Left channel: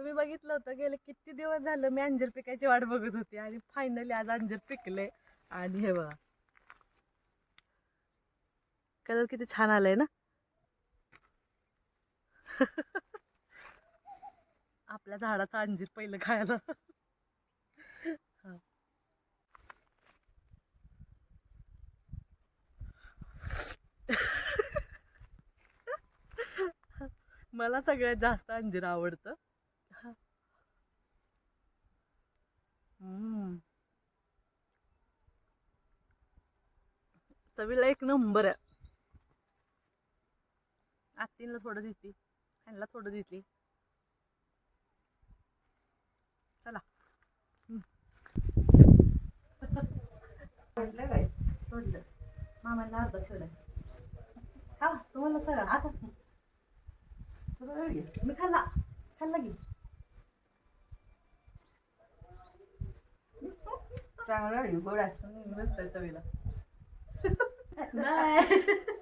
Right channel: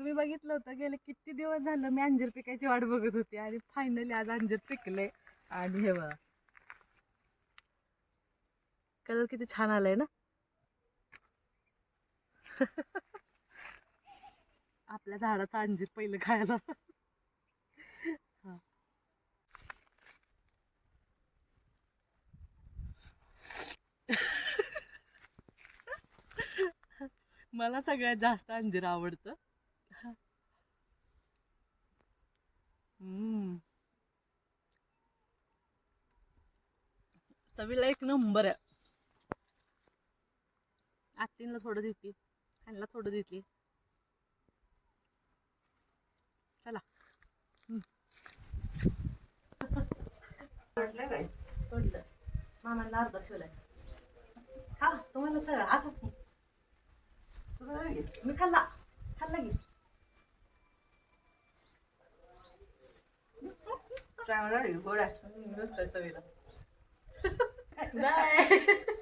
तुम्ही बघितलं होतं गेले किती दिवस झालं मी अंजीर पिकायची वाट बघत होती आणि फायनली आज अंजीर पिकले. आणि हे बघा. कलर किती छान आलाय ना? आपल्या झाडाचा अंजीर पहिलं खायला. मला सगळ्यात जास्त अंजीर आवडतं. चवीला एक नंबर आहे. आत्तींला थोडं देते. ह्यांना थोडं देते. चला. काय सोडलं. मामांना अर्धा ठेवलाय. हा तुम्हाला सगळं आता. मी खाल्ला. खाल्ला की. चांगला गोड आहे. नुसतं चवीला. Bye.